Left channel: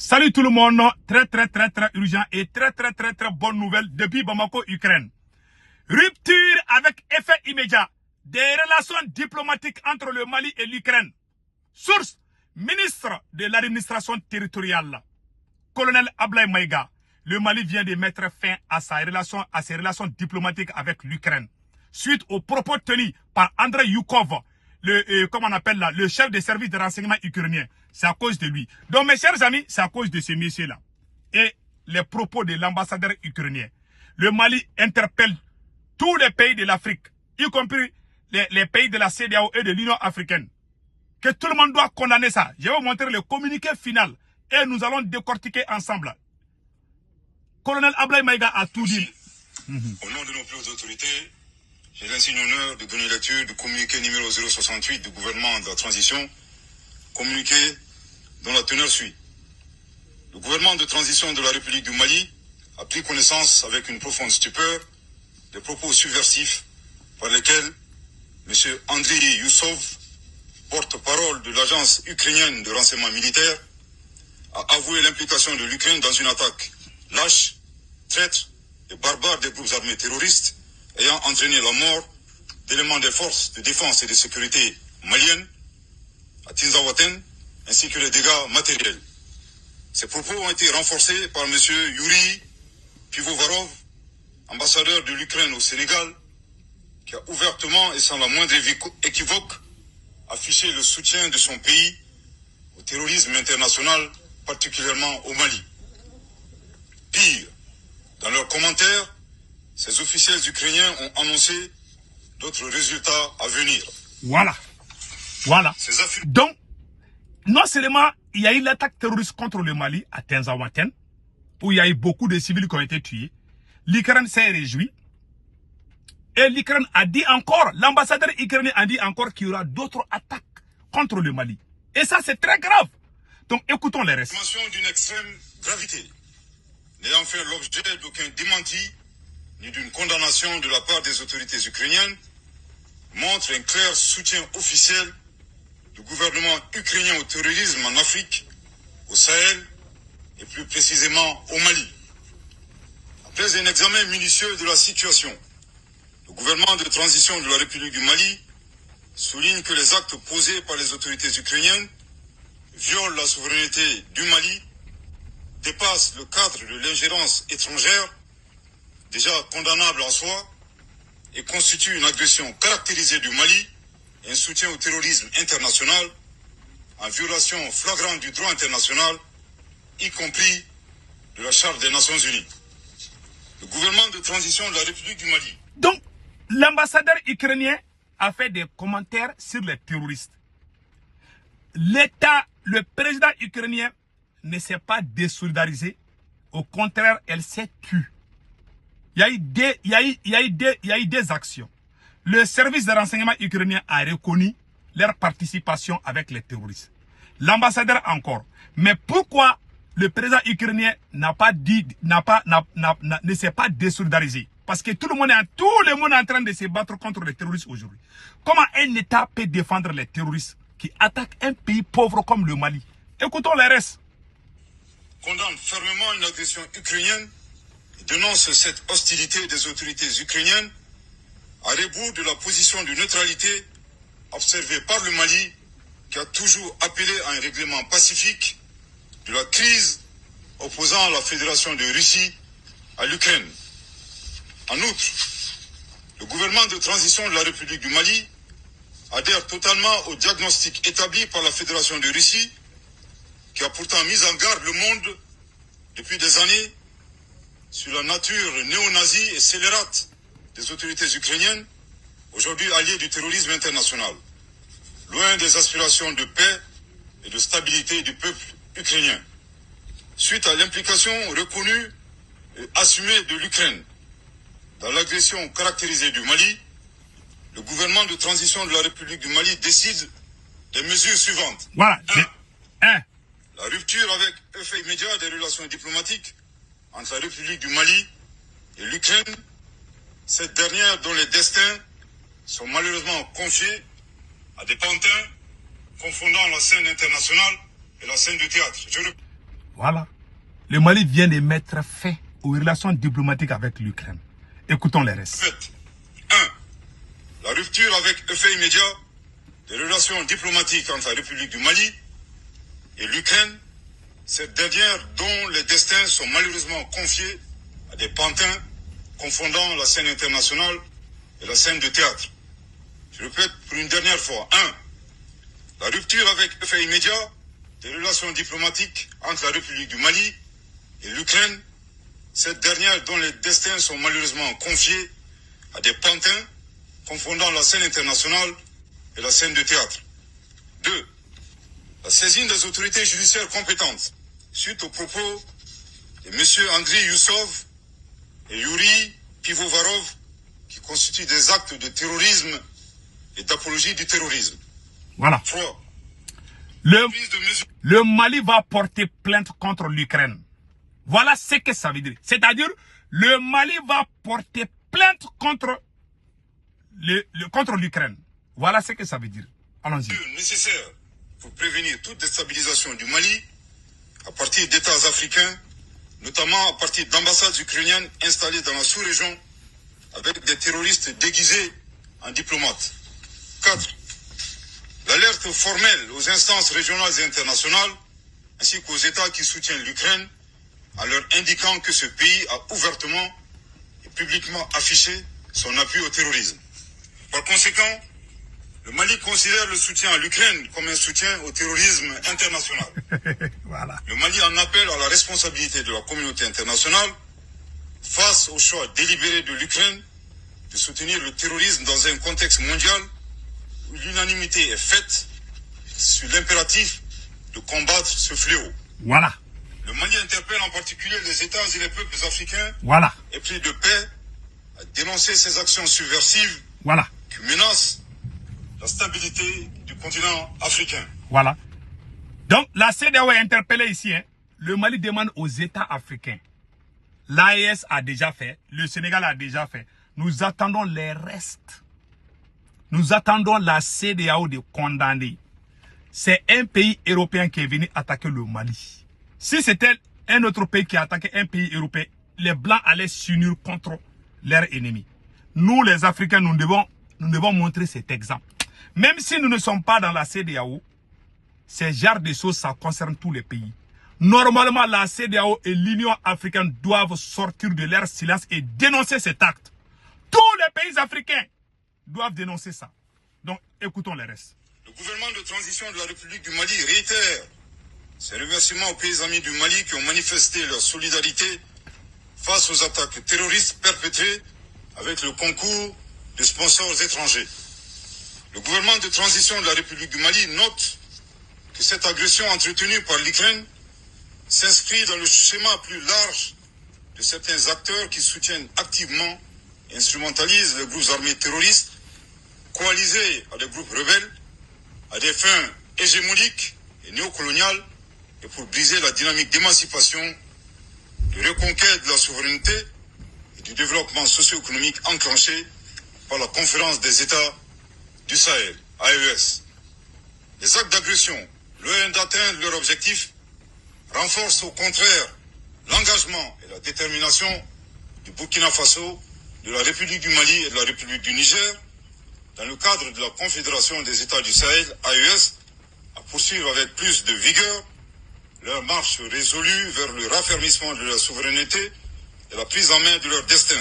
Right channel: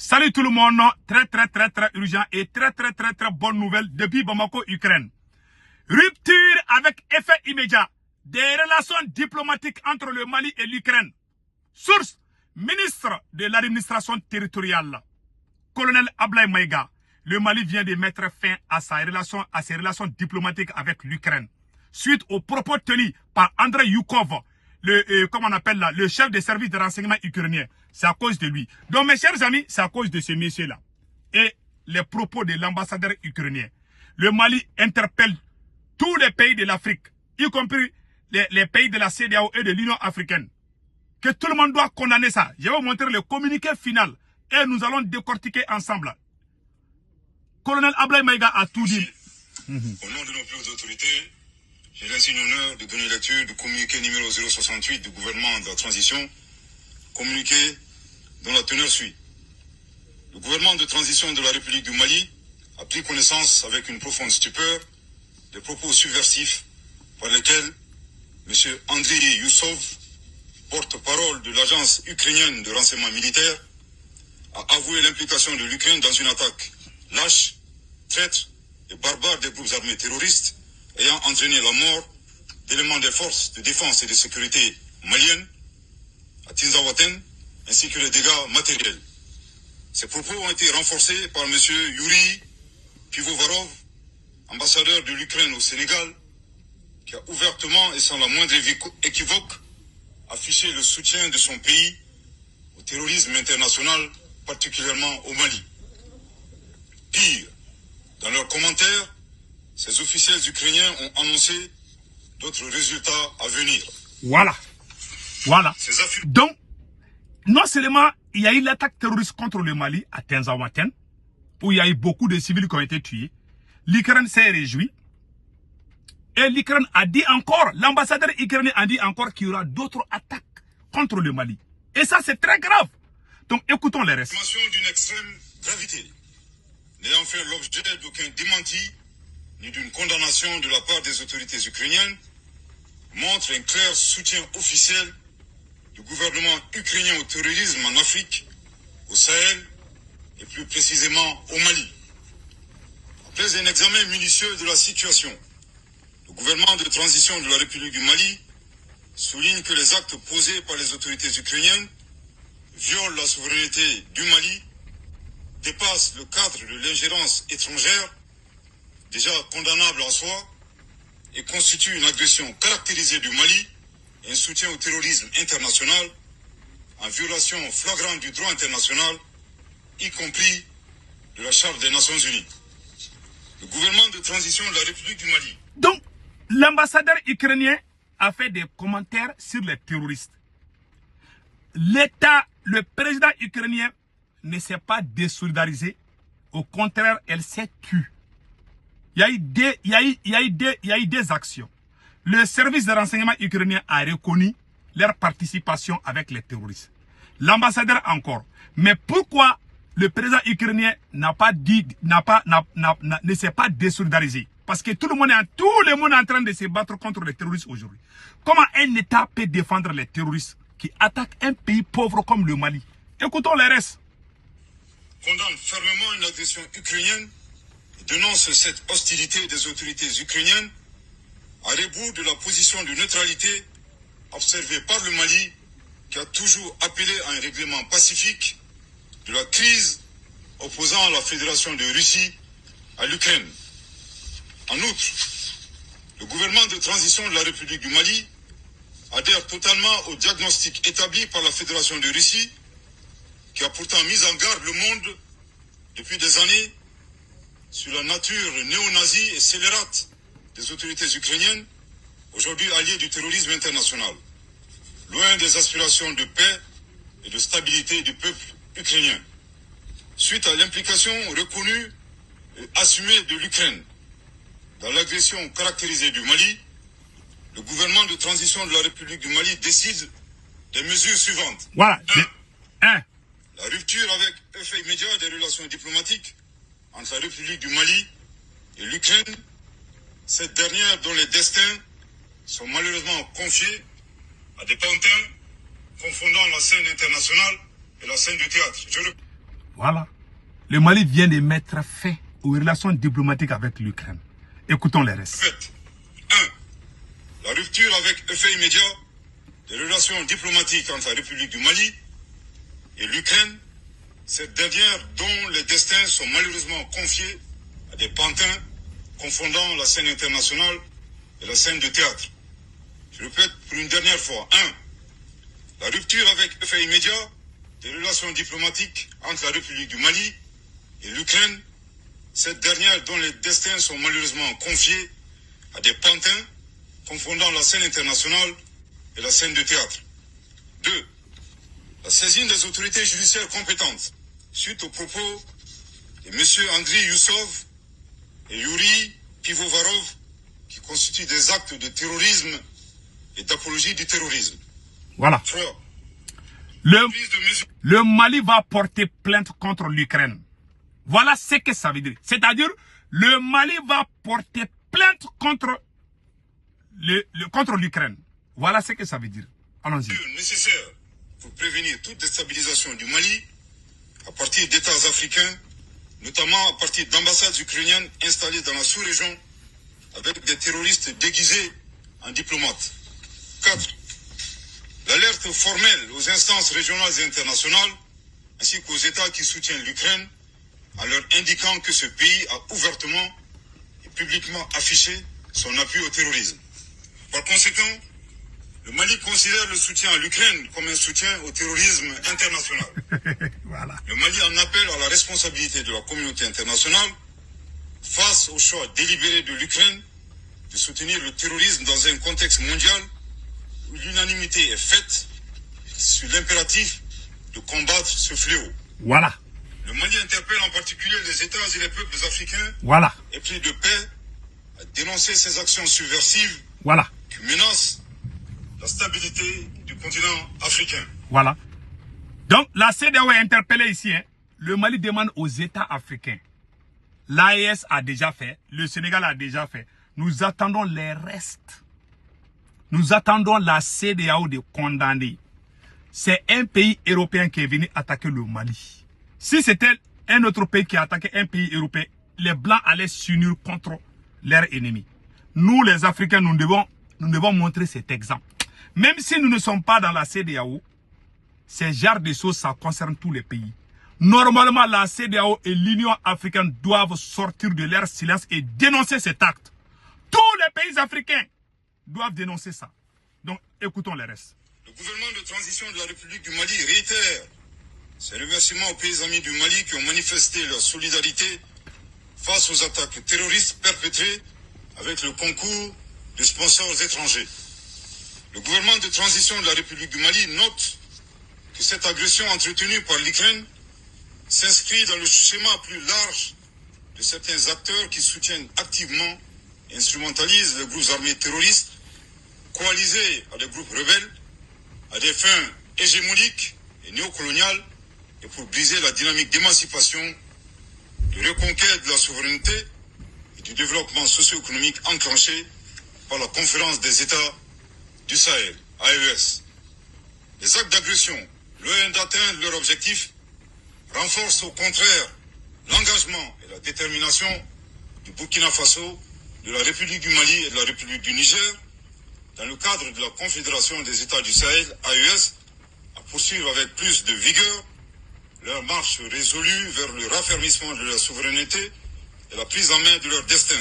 Salut tout le monde, très urgent et très bonne nouvelle depuis Bamako, Ukraine. Rupture avec effet immédiat des relations diplomatiques entre le Mali et l'Ukraine. Source, ministre de l'administration territoriale, colonel Ablaye Maïga. Le Mali vient de mettre fin à ses relations diplomatiques avec l'Ukraine. Suite aux propos tenus par Andrei Yukov, le chef des services de renseignement ukrainien. C'est à cause de lui. Donc mes chers amis, c'est à cause de ce monsieur-là. Et les propos de l'ambassadeur ukrainien. Le Mali interpelle tous les pays de l'Afrique, y compris les pays de la CEDEAO et de l'Union africaine. Que tout le monde doit condamner ça. Je vais vous montrer le communiqué final. Et nous allons décortiquer ensemble. Colonel Ablaye Maïga a tout dit. Au nom de nos plus autorités, j'ai l'insigne honneur de donner lecture du communiqué numéro 068 du gouvernement de la transition, communiqué dont la teneur suit. Le gouvernement de transition de la République du Mali a pris connaissance avec une profonde stupeur des propos subversifs par lesquels M. Andrei Yusov, porte-parole de l'agence ukrainienne de renseignement militaire, a avoué l'implication de l'Ukraine dans une attaque lâche, traître et barbare des groupes armés terroristes ayant entraîné la mort d'éléments des forces de défense et de sécurité maliennes à Tinzawaten, ainsi que les dégâts matériels. Ces propos ont été renforcés par M. Yuri Pivovarov, ambassadeur de l'Ukraine au Sénégal, qui a ouvertement et sans la moindre équivoque affiché le soutien de son pays au terrorisme international, particulièrement au Mali. Pire, dans leurs commentaires, ces officiels ukrainiens ont annoncé d'autres résultats à venir. Voilà. Donc, non seulement il y a eu l'attaque terroriste contre le Mali à Tinzawaten, où il y a eu beaucoup de civils qui ont été tués, l'Ukraine s'est réjouie. Et l'Ukraine a dit encore, l'ambassadeur ukrainien a dit encore qu'il y aura d'autres attaques contre le Mali. Et ça, c'est très grave. Donc, écoutons les restes. Information d'une extrême gravité, n'ayant fait l'objet d'aucun démenti, ni d'une condamnation de la part des autorités ukrainiennes, montre un clair soutien officiel du gouvernement ukrainien au terrorisme en Afrique, au Sahel et plus précisément au Mali. Après un examen minutieux de la situation, le gouvernement de transition de la République du Mali souligne que les actes posés par les autorités ukrainiennes violent la souveraineté du Mali, dépassent le cadre de l'ingérence étrangère, déjà condamnable en soi, et constituent une agression caractérisée du Mali et un soutien au terrorisme international en violation flagrante du droit international, y compris de la Charte des Nations Unies. Le gouvernement de transition de la République du Mali. Donc, l'ambassadeur ukrainien a fait des commentaires sur les terroristes. Le président ukrainien ne s'est pas désolidarisé. Au contraire, elle s'est tue. Il y a eu des actions. Le service de renseignement ukrainien a reconnu leur participation avec les terroristes. L'ambassadeur encore. Mais pourquoi le président ukrainien ne s'est pas désolidarisé? Parce que tout le monde est en train de se battre contre les terroristes aujourd'hui. Comment un État peut défendre les terroristes qui attaquent un pays pauvre comme le Mali? Écoutons les restes. Condamne fermement une agression ukrainienne et dénonce cette hostilité des autorités ukrainiennes à rebours de la position de neutralité observée par le Mali, qui a toujours appelé à un règlement pacifique de la crise opposant la Fédération de Russie à l'Ukraine. En outre, le gouvernement de transition de la République du Mali adhère totalement au diagnostic établi par la Fédération de Russie, qui a pourtant mis en garde le monde depuis des années sur la nature néo-nazie et scélérate des autorités ukrainiennes, aujourd'hui alliées du terrorisme international, loin des aspirations de paix et de stabilité du peuple ukrainien. Suite à l'implication reconnue et assumée de l'Ukraine dans l'agression caractérisée du Mali, le gouvernement de transition de la République du Mali décide des mesures suivantes. Voilà. 1. La rupture avec effet immédiat des relations diplomatiques entre la République du Mali et l'Ukraine, cette dernière dont les destins sont malheureusement confiés à des pantins confondant la scène internationale et la scène du théâtre. Voilà. Le Mali vient de mettre fin aux relations diplomatiques avec l'Ukraine. Écoutons les restes. 1. La rupture avec effet immédiat des relations diplomatiques entre la République du Mali et l'Ukraine, cette dernière dont les destins sont malheureusement confiés à des pantins confondant la scène internationale et la scène de théâtre. Je répète pour une dernière fois. 1. La rupture avec effet immédiat des relations diplomatiques entre la République du Mali et l'Ukraine, cette dernière dont les destins sont malheureusement confiés à des pantins confondant la scène internationale et la scène de théâtre. 2. La saisine des autorités judiciaires compétentes suite aux propos de M. Andriy Youssov et Yuri Pivovarov qui constituent des actes de terrorisme et d'apologie du terrorisme. Voilà. 3. Le Mali va porter plainte contre l'Ukraine. Voilà ce que ça veut dire. C'est-à-dire, le Mali va porter plainte contre l'Ukraine. Voilà ce que ça veut dire. Allons-y. Nécessaire pour prévenir toute déstabilisation du Mali à partir d'États africains, notamment à partir d'ambassades ukrainiennes installées dans la sous-région avec des terroristes déguisés en diplomates. 4. L'alerte formelle aux instances régionales et internationales ainsi qu'aux États qui soutiennent l'Ukraine en leur indiquant que ce pays a ouvertement et publiquement affiché son appui au terrorisme. Par conséquent, le Mali considère le soutien à l'Ukraine comme un soutien au terrorisme international. Voilà. Le Mali en appelle à la responsabilité de la communauté internationale face au choix délibéré de l'Ukraine de soutenir le terrorisme dans un contexte mondial où l'unanimité est faite sur l'impératif de combattre ce fléau. Voilà. Le Mali interpelle en particulier les États et les peuples africains Voilà. épris de paix à dénoncer ces actions subversives Voilà. qui menacent la stabilité du continent africain. Voilà. Donc, la CEDEAO est interpellée ici. Le Mali demande aux États africains. L'AES a déjà fait. Le Sénégal a déjà fait. Nous attendons les restes. Nous attendons la CEDEAO de condamner. C'est un pays européen qui est venu attaquer le Mali. Si c'était un autre pays qui attaquait un pays européen, les Blancs allaient s'unir contre leurs ennemis. Nous, les Africains, nous devons montrer cet exemple. Même si nous ne sommes pas dans la CEDEAO, ces genres de choses, ça concerne tous les pays. Normalement, la CEDEAO et l'Union africaine doivent sortir de leur silence et dénoncer cet acte. Tous les pays africains doivent dénoncer ça. Donc, écoutons les restes. Le gouvernement de transition de la République du Mali réitère ses remerciements aux pays amis du Mali qui ont manifesté leur solidarité face aux attaques terroristes perpétrées avec le concours de sponsors étrangers. Le gouvernement de transition de la République du Mali note que cette agression entretenue par l'Ukraine s'inscrit dans le schéma plus large de certains acteurs qui soutiennent activement et instrumentalisent les groupes armés terroristes coalisés à des groupes rebelles à des fins hégémoniques et néocoloniales et pour briser la dynamique d'émancipation, de reconquête de la souveraineté et du développement socio-économique enclenché par la conférence des États du Sahel, AES. Les actes d'agression, loin d'atteindre leur objectif, renforcent au contraire l'engagement et la détermination du Burkina Faso, de la République du Mali et de la République du Niger, dans le cadre de la Confédération des États du Sahel, AES, à poursuivre avec plus de vigueur leur marche résolue vers le raffermissement de leur souveraineté et la prise en main de leur destin,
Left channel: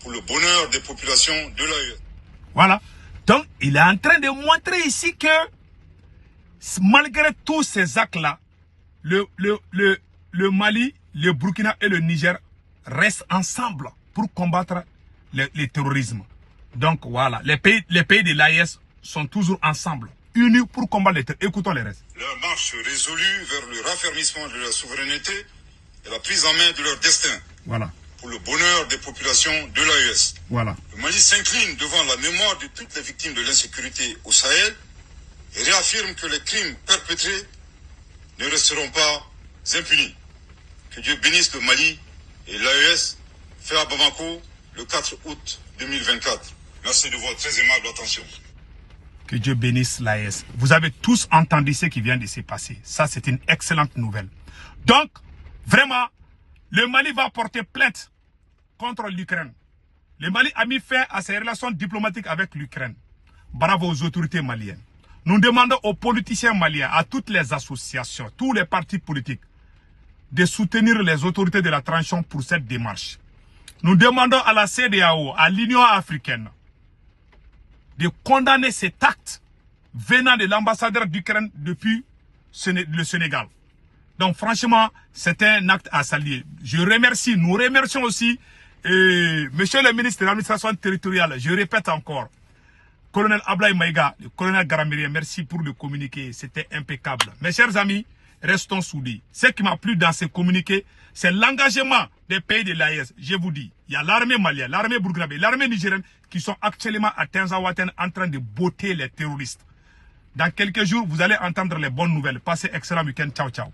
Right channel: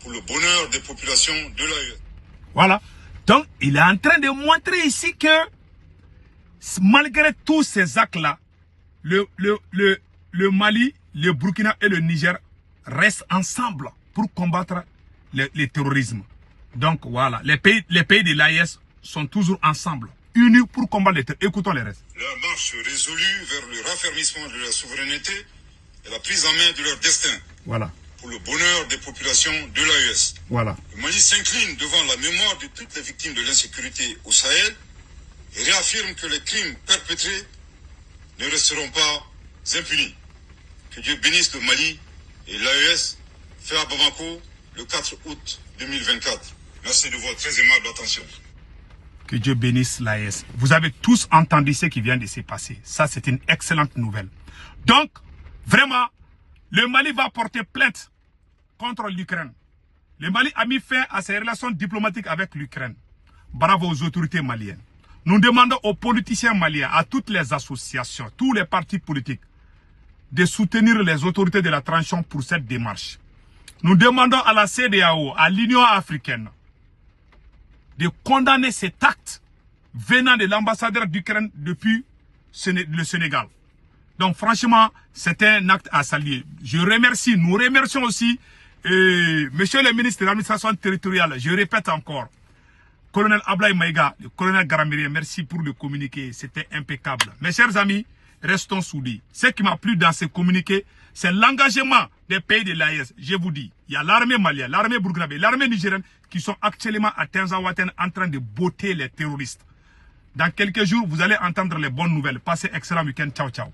pour le bonheur des populations de l'AES. Voilà. Donc, il est en train de montrer ici que, malgré tous ces actes-là, le Mali, le Burkina et le Niger restent ensemble pour combattre le terrorisme. Donc, voilà. Les pays de l'AES sont toujours ensemble, unis pour combattre le terrorisme. Écoutons les restes. Leur marche résolue vers le raffermissement de leur souveraineté et la prise en main de leur destin. Voilà. Pour le bonheur des populations de l'AES. Voilà. Le Mali s'incline devant la mémoire de toutes les victimes de l'insécurité au Sahel et réaffirme que les crimes perpétrés ne resteront pas impunis. Que Dieu bénisse le Mali et l'AES, fait à Bamako le 4 août 2024. Merci de votre très aimable attention. Que Dieu bénisse l'AES. Vous avez tous entendu ce qui vient de se passer. Ça, c'est une excellente nouvelle. Donc, vraiment, le Mali va porter plainte contre l'Ukraine. Le Mali a mis fin à ses relations diplomatiques avec l'Ukraine. Bravo aux autorités maliennes. Nous demandons aux politiciens maliens, à toutes les associations, tous les partis politiques, de soutenir les autorités de la transition pour cette démarche. Nous demandons à la CEDEAO, à l'Union africaine, de condamner cet acte venant de l'ambassadeur d'Ukraine depuis le Sénégal. Donc franchement, c'est un acte à saluer. Nous remercions aussi monsieur le ministre de l'administration territoriale, je répète encore, colonel Ablaye Maïga, le colonel Garamiri, merci pour le communiqué, c'était impeccable. Mes chers amis, restons soudés. Ce qui m'a plu dans ce communiqué, c'est l'engagement des pays de l'AES. Je vous dis, il y a l'armée malienne, l'armée burkinabé, l'armée nigérienne qui sont actuellement à Tinzaouaten en train de botter les terroristes. Dans quelques jours, vous allez entendre les bonnes nouvelles. Passez excellent week-end. Ciao, ciao.